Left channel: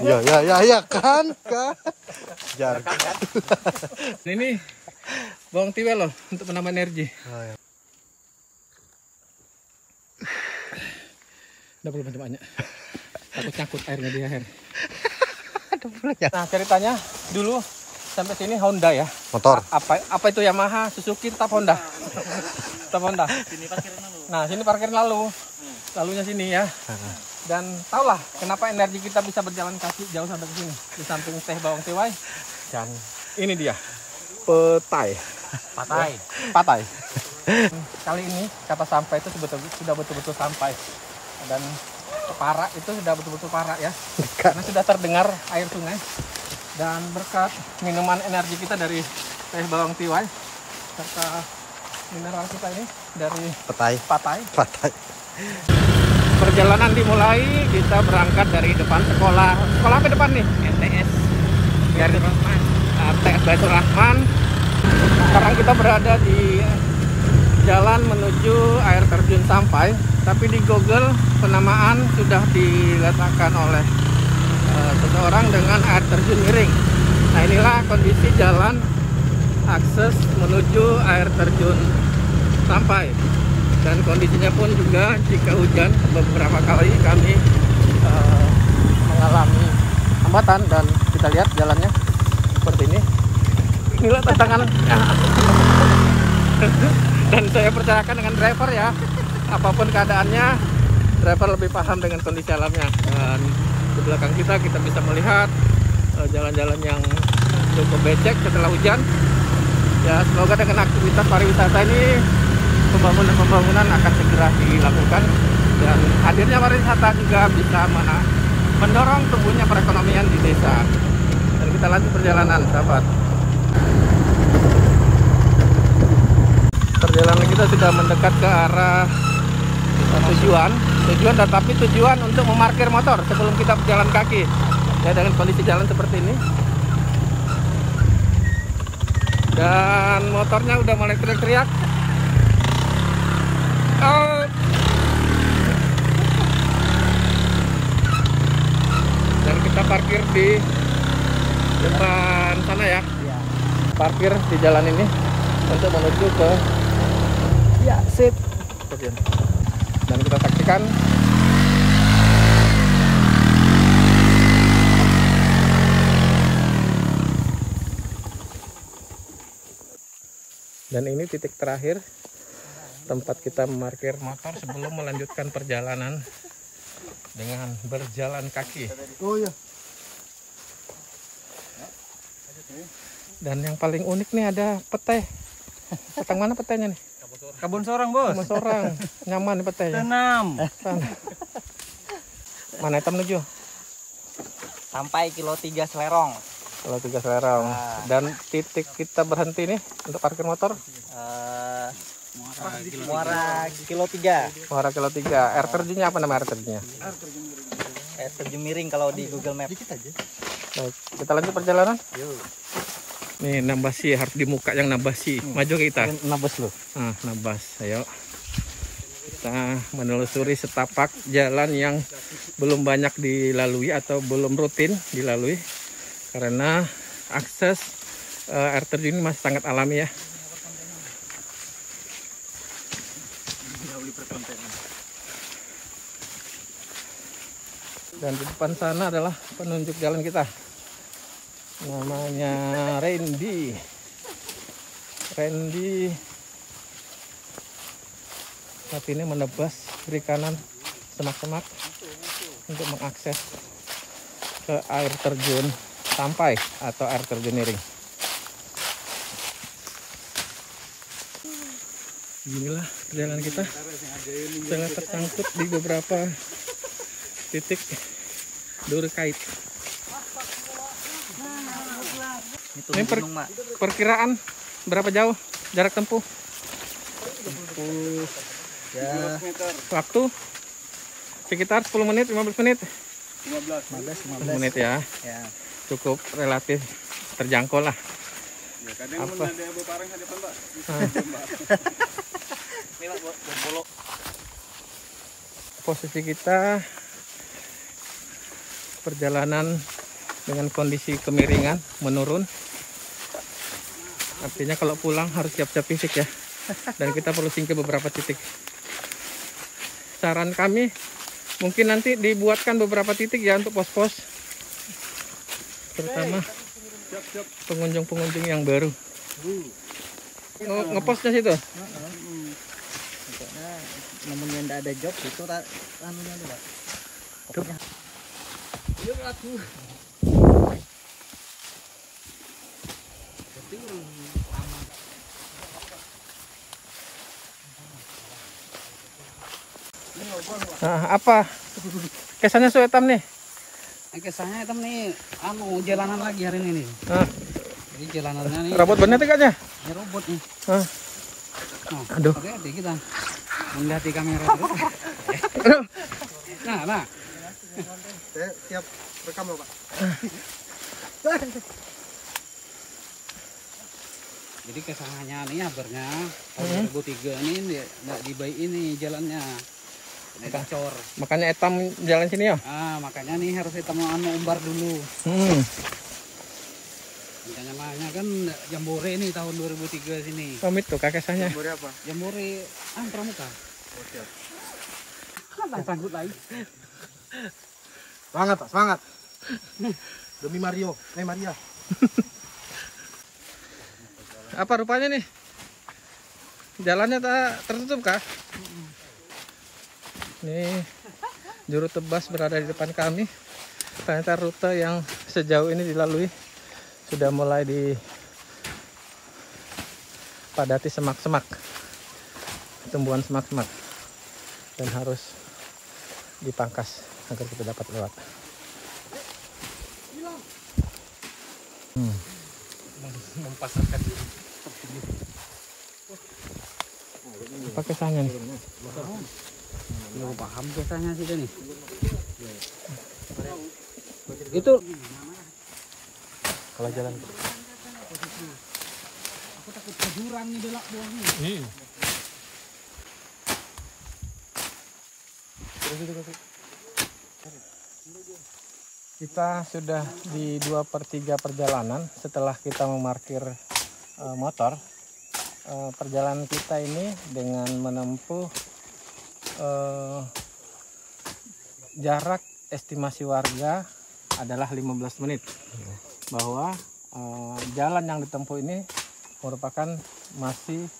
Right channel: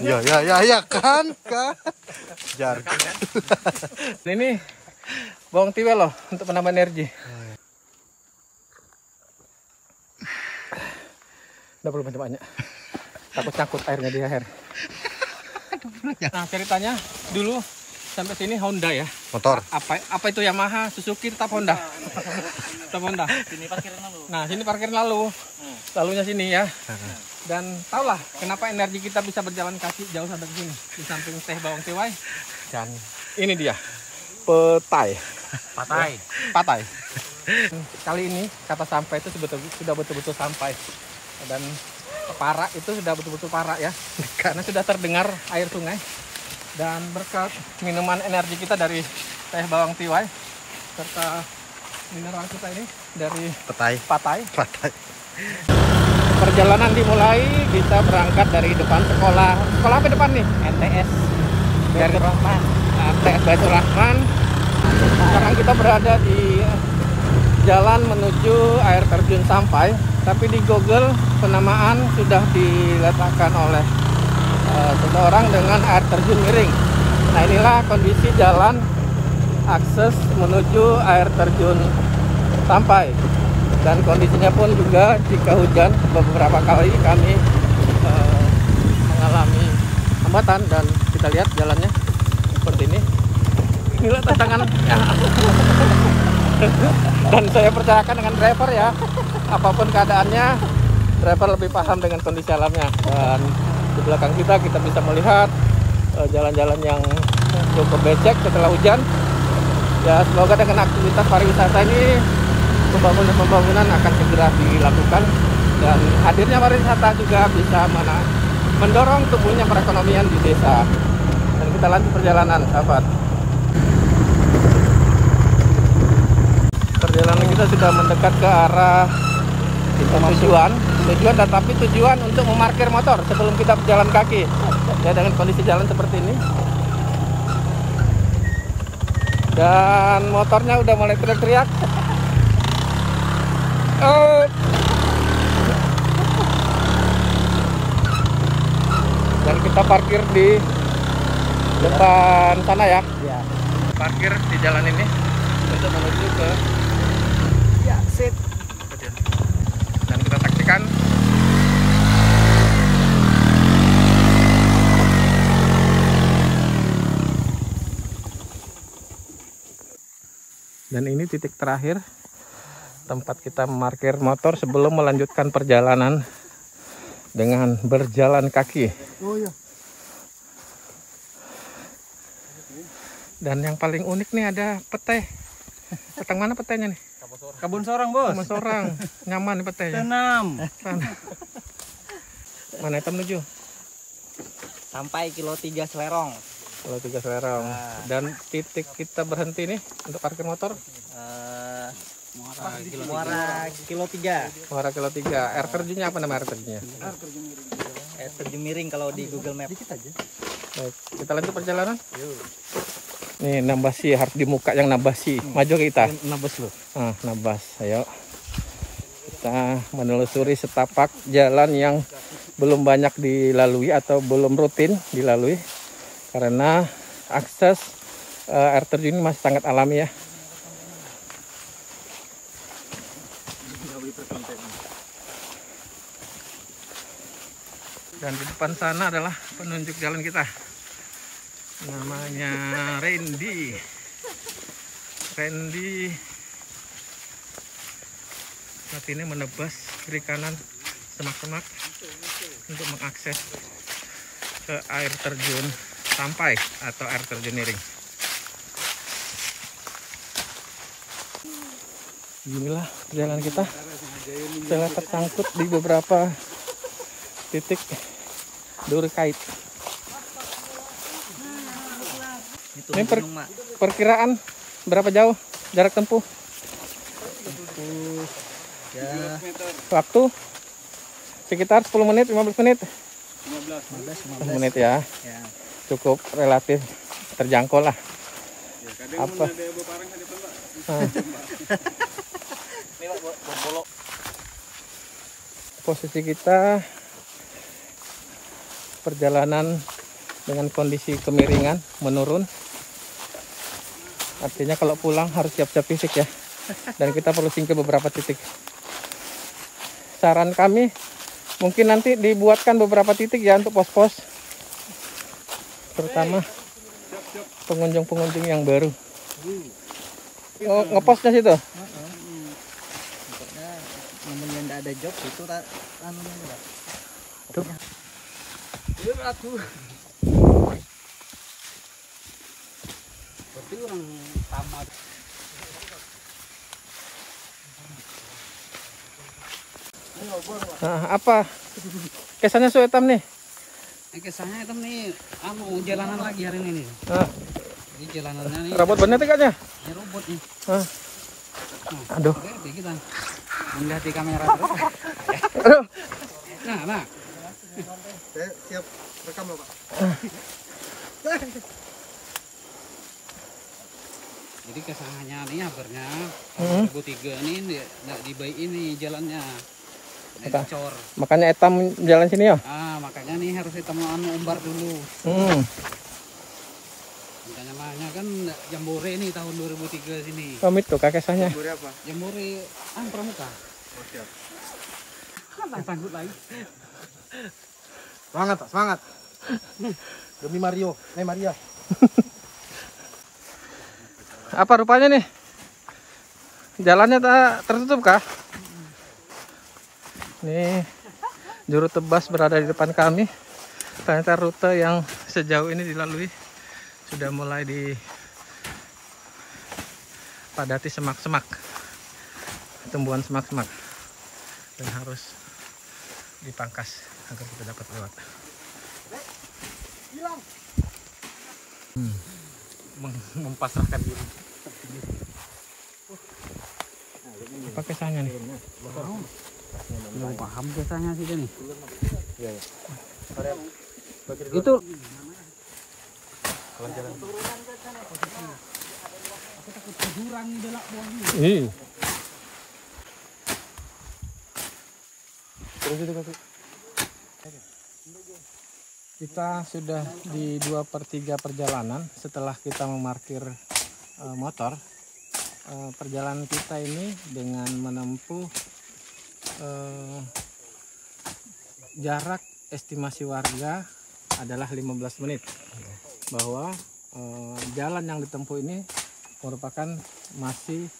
Ya kan. Jar. Ini bawang tiwel loh untuk penambah energi. Udah perlu banyak-banyak. Takut cangkut airnya di air. Nah ceritanya dulu sampai sini Honda ya. Motor. Apa itu Yamaha, Suzuki, tetap Honda. Tetap Honda. Sini parkiran lalu. Nah sini parkir lalu. Lalunya sini ya. Dan tahulah kenapa energi kita bisa berjalan kaki jauh sampai ke sini. Di samping teh bawang tiwai. Dan ini dia. Patai. Kali ini kata sampai itu sudah betul-betul sampai. Dan parak itu sudah betul-betul parak ya. Karena sudah terdengar air sungai. Dan berkat minuman energi kita dari teh bawang tiwai serta mineral kita ini dari Patai. Perjalanan dimulai, kita berangkat dari depan sekolah. Sekolah apa depan nih? MTS. Dari MTS Baitur Rahman. Sekarang kita berada di jalan menuju air terjun Sampai. Tapi di Google penamaan sudah diletakkan oleh seseorang dengan air terjun Miring. Nah inilah kondisi jalan akses menuju air terjun Sampai. Dan kondisinya pun juga jika hujan beberapa kali kami mengalami hambatan dan kita lihat jalannya seperti ini. Inilah tantangan. Dan saya percayakan dengan driver ya. Apapun keadaannya, driver lebih paham dengan kondisi alamnya. Dan di belakang kita bisa melihat jalan-jalan yang cukup becek setelah hujan. Ya semoga dengan aktivitas pariwisata ini pembangunan akan segera dilakukan dan hadirnya pariwisata juga bisa mendorong tumbuhnya perekonomian di desa. Dan kita lanjut perjalanan, sahabat. Perjalanan kita sudah mendekat ke arah tujuan, tetapi tujuan untuk memarkir motor sebelum kita berjalan kaki. Ya dengan kondisi jalan seperti ini. Dan motornya udah mulai teriak-teriak. Dan kita parkir di depan sana ya. Parkir di jalan ini untuk menuju ke sip. Dan kita saksikan dan ini titik terakhir tempat kita memarkir motor sebelum melanjutkan perjalanan dengan berjalan kaki. Dan yang paling unik nih ada petai. Datang mana petainya nih? Kebun Sorong, Bos. Kebun Sorong. Nyaman nih petainya. Tanam. Mana kita menuju? Sampai kilo 3 Selerong. Kilo 3 Selerong. Dan titik kita berhenti nih untuk parkir motor? Muara kilo 3. Muara kilo 3. Air terjunnya apa nama air terjunnya? Air terjun Miring kalau di Google Map. Baik, kita lanjut perjalanan. Nih Nabasi, harus di muka yang Nabasi. Maju kita. Nabas loh. Nah, Nabas, ayo. Kita menelusuri setapak jalan yang belum banyak dilalui atau belum rutin dilalui. Karena akses air terjun masih sangat alami ya. Dan di depan sana adalah penunjuk jalan kita. Namanya Randy. Saat ini menebas kiri kanan semak-semak untuk mengakses ke air terjun Sampai atau air terjun Miring. Inilah perjalanan kita. Saya tersangkut di beberapa titik duri kait. Ini perkiraan berapa jauh jarak tempuh? Ya. Waktu sekitar 10 menit, 15 menit. 15 menit ya. Cukup relatif terjangkau lah. Apa? Posisi kita perjalanan dengan kondisi kemiringan menurun. Artinya kalau pulang harus siap-siap fisik ya. Dan kita perlu singkir beberapa titik. Saran kami mungkin nanti dibuatkan beberapa titik ya untuk pos-pos. Terutama pengunjung-pengunjung yang baru. Oh, ngeposnya situ? Pokoknya namanya ndak ada job itu anunya tuh, Pak. Pokoknya berarti orang tamat. Nah, apa kesannya Suetam nih? Kesannya hitam nih, jalanan lagi hari ini nih. Nah, Jadi jalanannya nih, robot bener tikatnya? ya robot nih. Nah. Aduh. Hati kita. Indah di kamera terus. Aduh. Nah. Saya siap rekam loh Pak. Jadi kesannya nih habernya tahun 2003 ini nggak dibaik ini jalannya. Nggak dicor. Makanya Etam jalan sini ya? Makanya nih harus kita mau umbar dulu. Namanya kan Jambore nih tahun 2003 sini. Pamit tuh kakesahnya. Jambore apa? Jambore pramuka. Oh, siap. Kan sanggut lagi. Semangat Pak, semangat. Demi Mario, Maria. Apa rupanya nih? Jalannya tertutup kah? Nih, juru tebas berada di depan kami. Ternyata rute yang sejauh ini dilalui sudah mulai dipadati semak-semak, tumbuhan semak-semak, dan harus dipangkas agar kita dapat lewat. Mempasarkan diri. Apa kesannya nih? Belum paham kesannya sih nih. Itu aku takut kejuran nih belak buangnya. Kita sudah di 2/3 perjalanan setelah kita memarkir motor. Perjalanan kita ini dengan menempuh jarak estimasi warga adalah 15 menit. Bahwa jalan yang ditempuh ini merupakan masih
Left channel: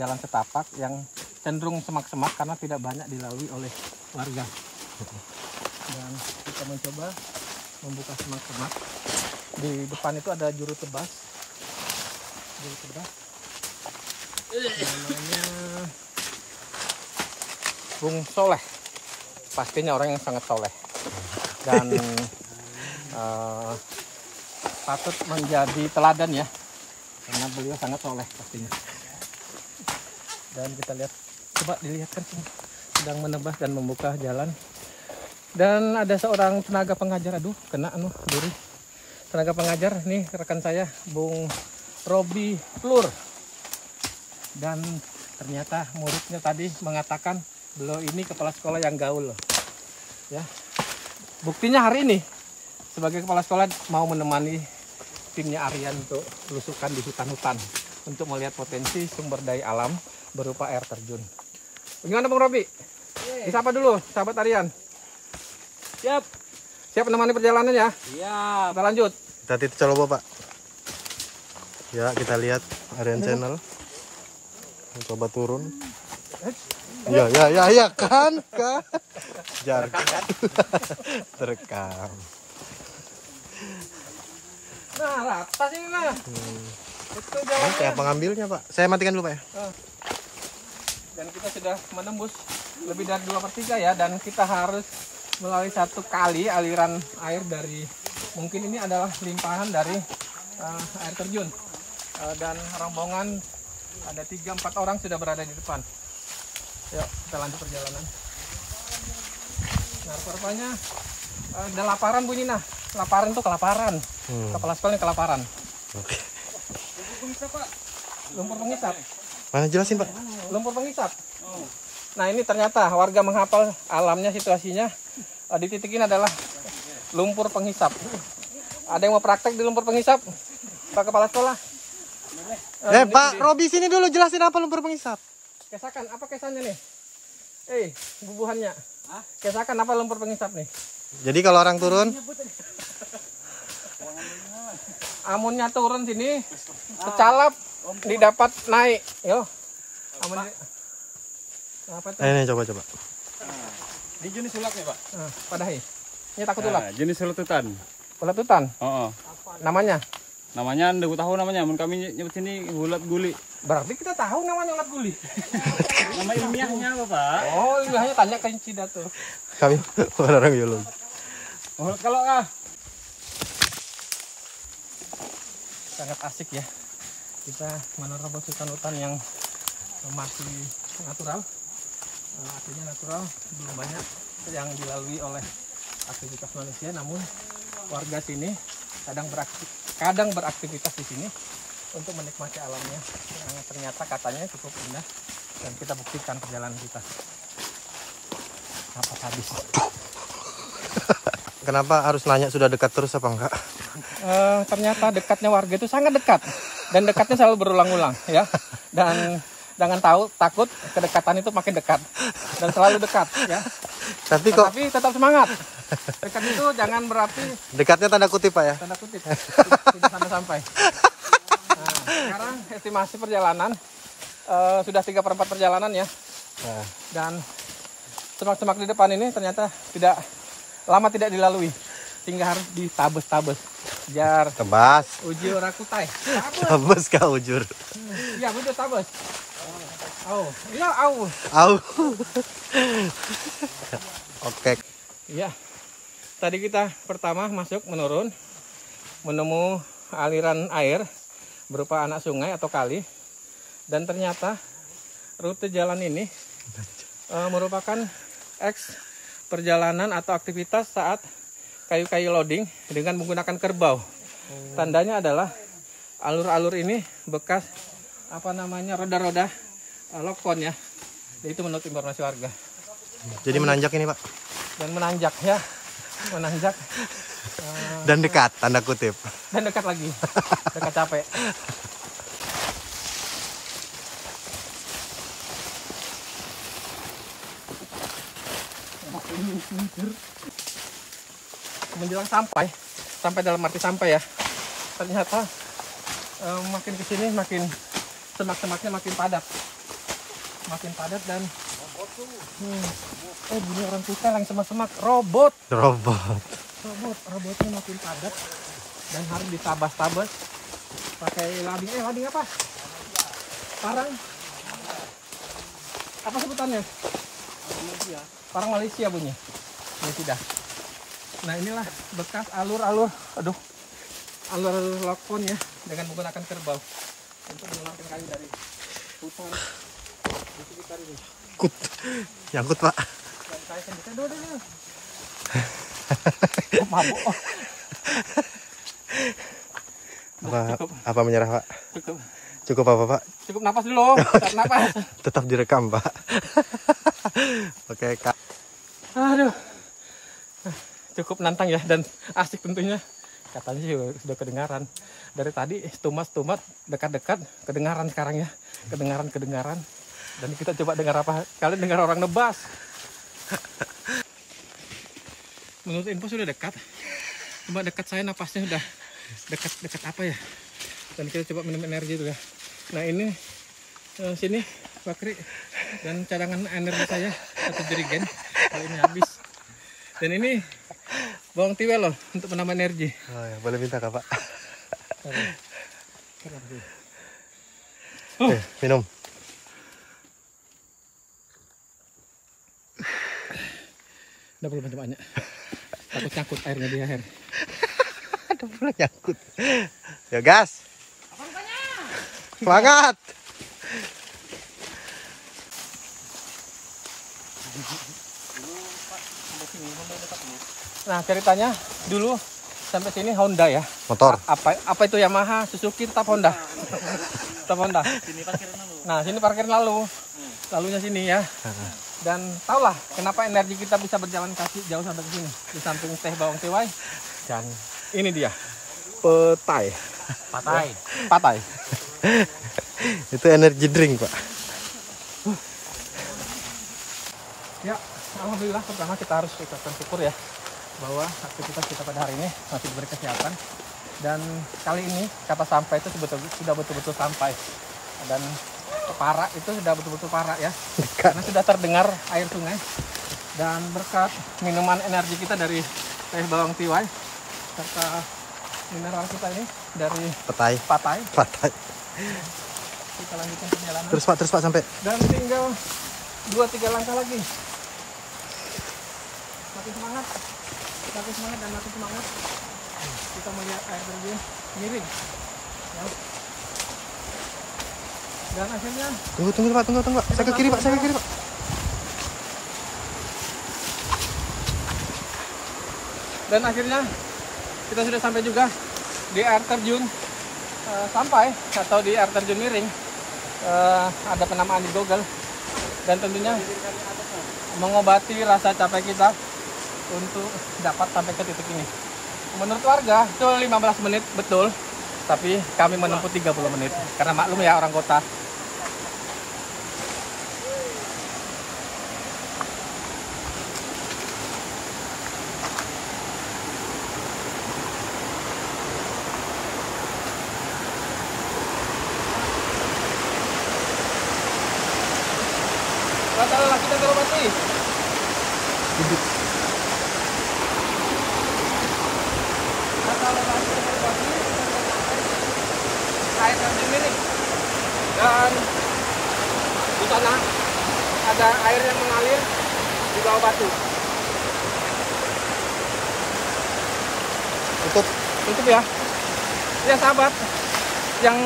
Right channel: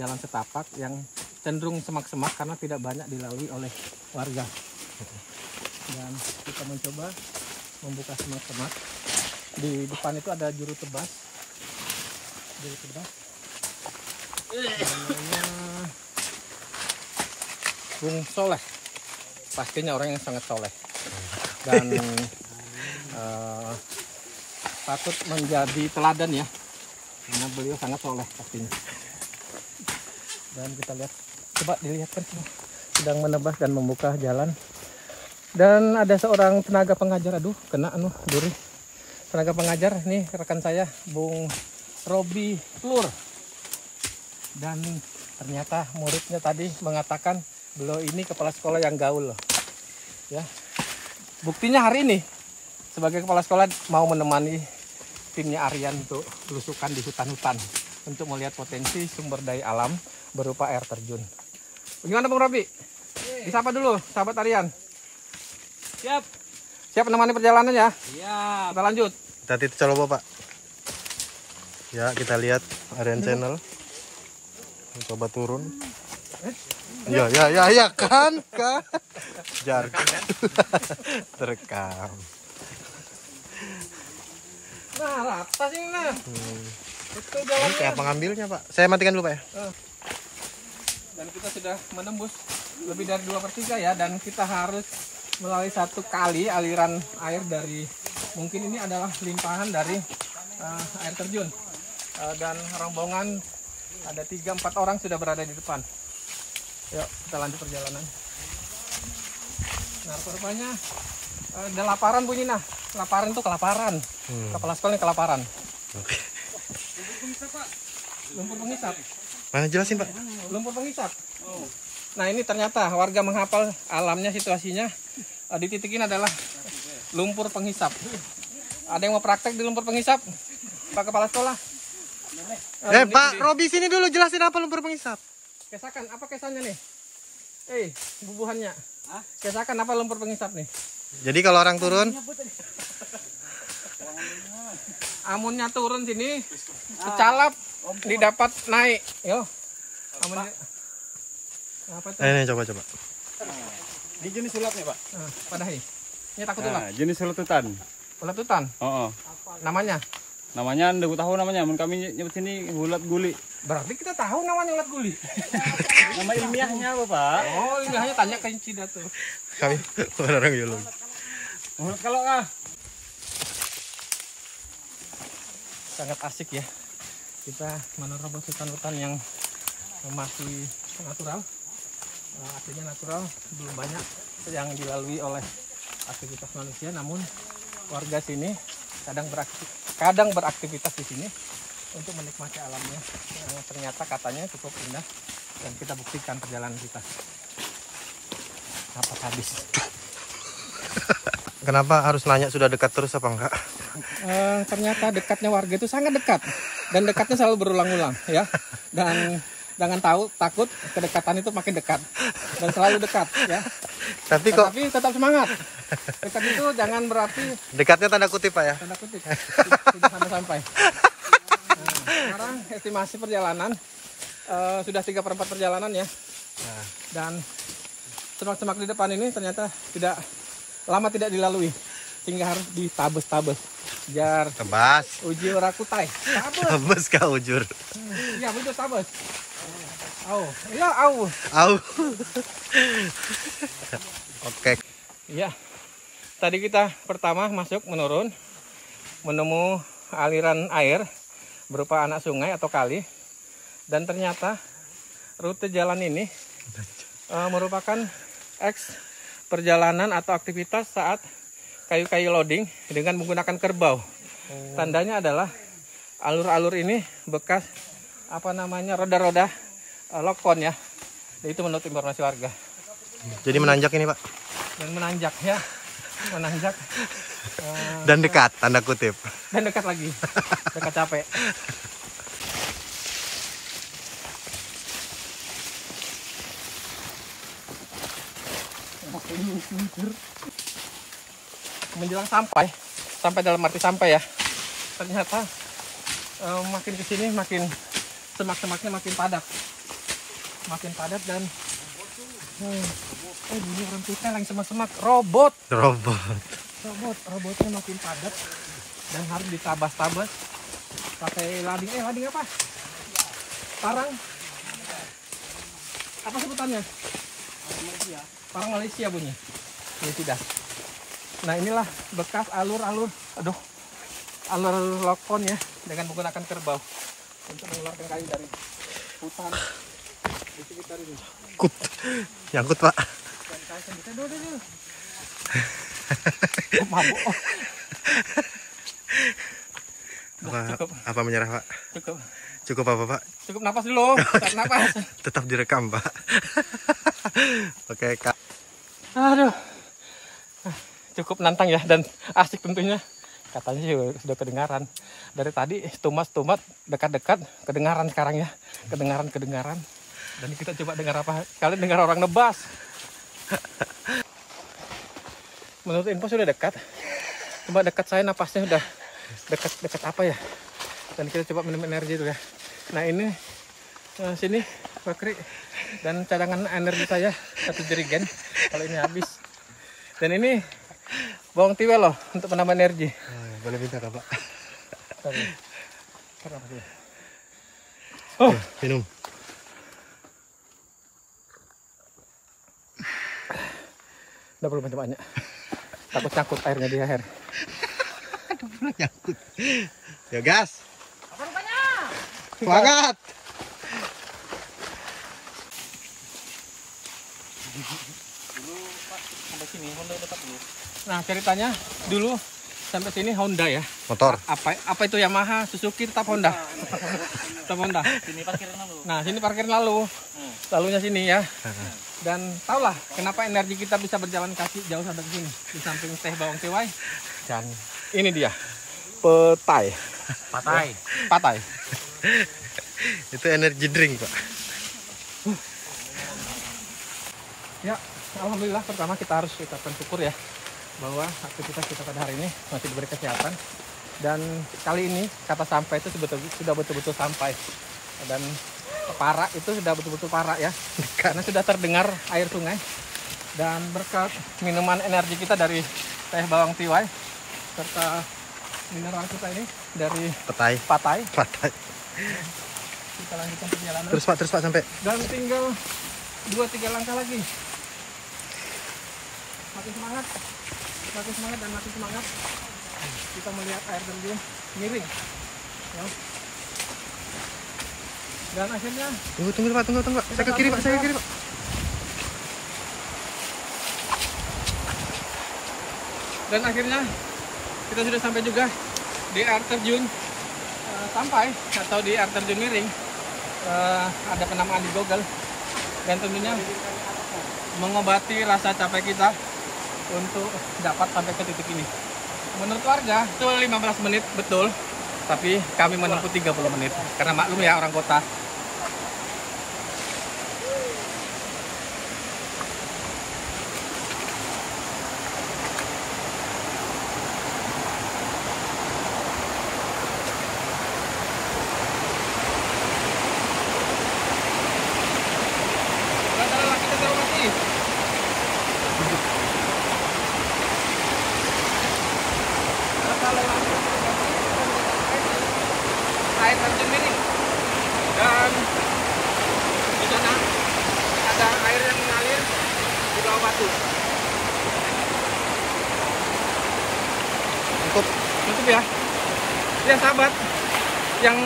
jalan setapak yang cenderung semak-semak karena tidak banyak dilalui oleh warga. Dan kita mencoba membuka semak-semak. Di depan itu ada juru tebas. Namanya Bung Soleh. Pastinya orang yang sangat soleh. Dan patut menjadi teladan ya. Karena beliau sangat soleh pastinya. Dan kita lihat, coba dilihatkan sedang menebas dan membuka jalan. Dan ada seorang tenaga pengajar, aduh kena duri. Tenaga pengajar nih rekan saya, Bung Robi Plur. Dan ternyata muridnya tadi mengatakan beliau ini kepala sekolah yang gaul loh. Ya. Buktinya hari ini sebagai kepala sekolah mau menemani timnya Aryan untuk belusukan di hutan-hutan untuk melihat potensi sumber daya alam berupa air terjun. Bagaimana Bung Robi? Disapa dulu sahabat Aryan. Siap menemani perjalanan ya? Siap. Kita lanjut. Tadi coba Pak. Ya, kita lihat Aryan Channel. Coba turun. Ya kan. Jargon. Terekam. Nah, atas ini nah. Itu jalannya. Ini kayak pengambilnya Pak. Saya matikan dulu Pak ya. Dan kita sudah menembus lebih dari 2/3 ya, dan kita harus melalui satu kali aliran air dari, mungkin ini adalah limpahan dari air terjun. Dan rombongan ada 3-4 orang sudah berada di depan. Yuk kita lanjut perjalanan. Nah rupanya ada laparan bunyi nah. Laparan itu kelaparan. Kepala sekolah ini kelaparan. Oke. Lumpur penghisap. Mana jelasin Pak? Lumpur penghisap. Nah ini ternyata warga menghafal alamnya, situasinya. Di titik ini adalah lumpur penghisap. Ada yang mau praktek di lumpur penghisap? Pak Kepala Sekolah. Pak Robi sini dulu jelasin apa lumpur penghisap. Kesakan, apa kesannya nih? Bubuhannya. Kesakan apa lumpur penghisap nih? Jadi kalau orang turun, amunnya turun sini, secalap, didapat naik. Yo. Amunnya. Apa tuh? ini coba. Di jenis ulatnya, Pak. Padahi. Ini takut ulat. Jenis uletutan. Uletutan. Oh. Namanya. Namanya enggak tahu namanya. Mun kami nyebut sini ulat guli. Berarti kita tahu namanya ulat guli. Nama ilmiahnya apa, Pak? Oh, ilmiahnya tanya ke Cida tuh. kami orang biologi. Kalau Sangat asik ya. Kita menerobos hutan-hutan yang masih natural. Artinya natural, belum banyak yang dilalui oleh aktivitas manusia, namun warga sini kadang beraktivitas di sini untuk menikmati alamnya. Ternyata katanya cukup indah dan kita buktikan perjalanan kita. Napas habis. Kenapa harus nanya sudah dekat terus apa enggak? Ternyata dekatnya warga itu sangat dekat dan dekatnya selalu berulang-ulang ya. Dan jangan takut kedekatan itu makin dekat dan selalu dekat ya. Tapi tetap semangat. Dekat itu jangan berarti dekatnya tanda kutip Pak ya. Tanda kutip. Tidak sampai. Nah, sekarang estimasi perjalanan sudah 3/4 perjalanan ya. Dan semak-semak di depan ini ternyata tidak dilalui sehingga harus ditabes-tabes. Jar Tebas. uji ora kutai. Tabes kah ujur. Iya betul tabes. Iya Oke. Iya. Tadi kita pertama masuk menurun menemu aliran air berupa anak sungai atau kali, dan ternyata rute jalan ini merupakan perjalanan atau aktivitas saat kayu-kayu loading dengan menggunakan kerbau. Tandanya adalah alur-alur ini bekas roda-roda lokon ya. Itu menurut informasi warga. Jadi menanjak ini Pak. Dan menanjak ya. Menanjak. Dan dekat tanda kutip. Dan dekat lagi. Dekat capek. Menjelang sampai dalam arti sampai ya, ternyata makin kesini makin semak-semaknya makin padat dan gini orang kita yang semak-semak robotnya makin padat dan harus ditabas-tabas pakai lading. Lading apa? Parang apa sebutannya? Parang Malaysia bunyi. Ini tidak. Nah inilah bekas alur lokon ya dengan menggunakan kerbau untuk mengeluarkan kayu dari hutan. Nyangkut Pak. Dan saya sendiri dulu. Mabuk. Apa menyerah Pak? Cukup apa Pak? Cukup napas dulu. Tarik napas. Tetap direkam Pak. Oke Kak. Aduh. Cukup nantang ya dan asik tentunya. Katanya sudah kedengaran. Dari tadi tumas-tumas dekat-dekat kedengaran sekarang ya. Kedengaran. Dan kita coba dengar apa? Kalian dengar orang nebas. Menurut info sudah dekat. Cuma dekat saya napasnya udah dekat apa ya? Dan kita coba minum energi dulu ya. Nah ini sini bakri dan cadangan energi saya 1 jerigen kalau ini habis. Dan ini bawang tiwel loh untuk menambah energi. Oh ya, boleh minta Kak Pak. Oh, minum. Udah belum banyak. Takut cangkut airnya di leher. Udah belum nyangkut. Ya gas. Semangat. Nah ceritanya dulu sampai sini Honda ya. Motor. Apa itu Yamaha, Suzuki, tetap Honda. Tetap Honda. Sini parkiran lalu. Nah sini parkir lalunya sini ya. Dan tahulah kenapa energi kita bisa berjalan kaki jauh sampai ke sini. Di samping teh bawang tiwai. Dan ini dia. Petai. Patai. Itu energi drink, Pak. Ya, alhamdulillah pertama kita harus ucapkan syukur ya bahwa aktivitas kita pada hari ini masih diberi kesehatan. Dan kali ini kata sampai itu sudah betul-betul sampai. Dan para itu sudah betul-betul para ya. Karena sudah terdengar air sungai. Dan berkat minuman energi kita dari teh bawang tiwai serta mineral kita ini dari patai. Kita lanjutkan perjalanan. Terus Pak sampai. Dan tinggal 2-3 langkah lagi. Makin semangat dan makin semangat. Kita melihat air terjun miring. Ya. Dan akhirnya Tunggu Pak. Saya ke kiri Pak. Dan akhirnya kita sudah sampai juga di air terjun sampai atau di air terjun miring. Ada penamaan di Google dan tentunya mengobati rasa capek kita untuk dapat sampai ke titik ini. Menurut warga itu 15 menit betul, tapi kami menempuh 30 menit karena maklum ya orang kota. Rata-rata kita terobati. Rata-rata kita terobati, kita sudah sampai di air terjun miring. Dan di sana ada air yang mengalir di bawah batu. Tutup ya. Ya sahabat, yang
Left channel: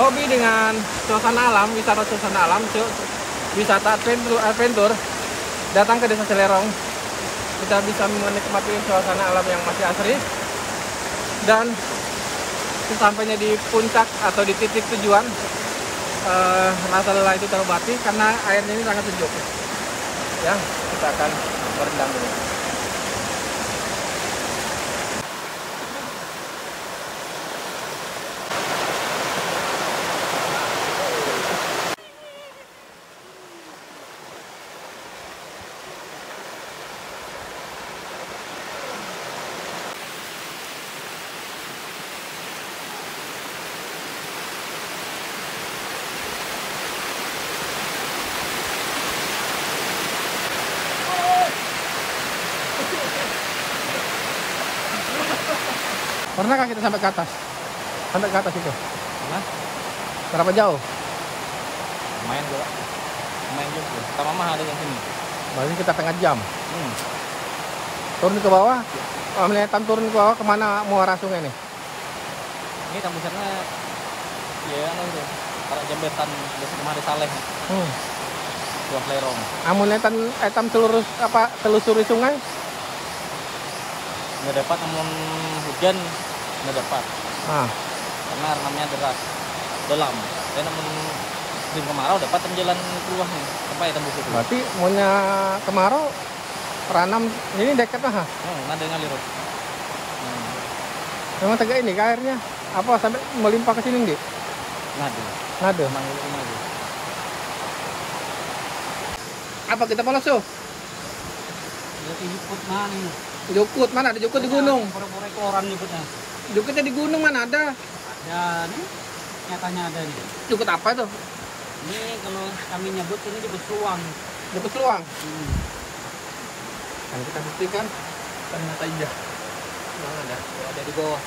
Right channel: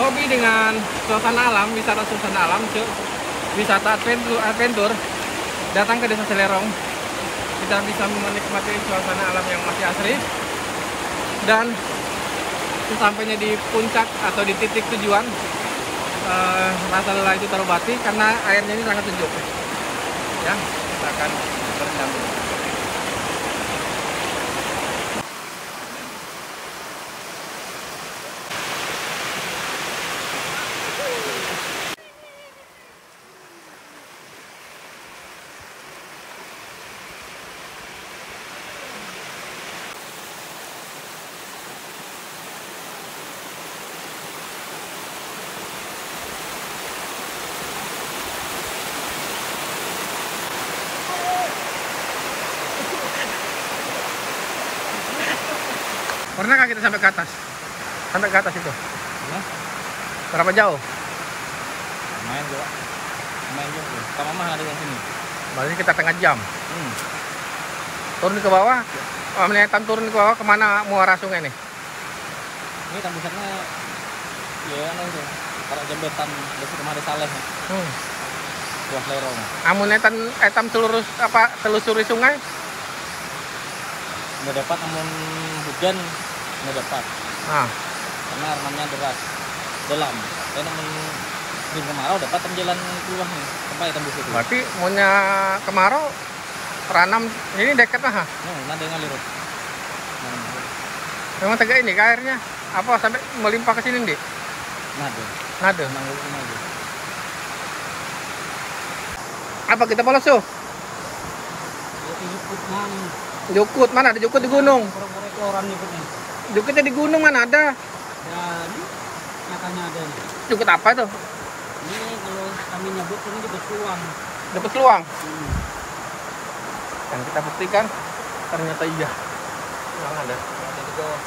hobi dengan suasana alam, wisata suasana alam, wisata adventure, datang ke Desa Selerong. Kita bisa menikmati suasana alam yang masih asri. Dan sesampainya di puncak atau di titik tujuan, rasa lelah itu terobati karena airnya ini sangat sejuk. Ya, kita akan berendam dulu. Pernahkah kita sampai ke atas? Sampai ke atas itu? Pernah? Berapa jauh? Main juga. Main juga. Sama mah ada yang sini. Berarti kita setengah jam. Turun ke bawah. Melihat turun ke bawah kemana muara sungai nih? Ini tembusannya ya itu. Para jembatan dari kemarin Saleh. Buah lerong. Amunetan etam telusuri sungai. Nggak dapat namun hujan nggak dapat. Karena renamnya deras dalam. Dan namun musim kemarau dapat jalan keluarnya sampai tembus itu. Berarti maunya kemarau ranam ini dekat lah. Nada ngalir. Memang tegak ini airnya apa sampai melimpah ke sini, Dik? Nada. Manggil aja. Apa kita polos tuh? Jukut mana nih? Jukut mana ada jukut di gunung? Pura-pura keluaran jukutnya. Jukutnya di gunung mana ada? Ya ini nyatanya ada nih. Jukut apa itu? Ini kalau kami nyebut ini di Besuang. Di Besuang. Dan kita buktikan ternyata iya. Memang ada. Ada di bawah.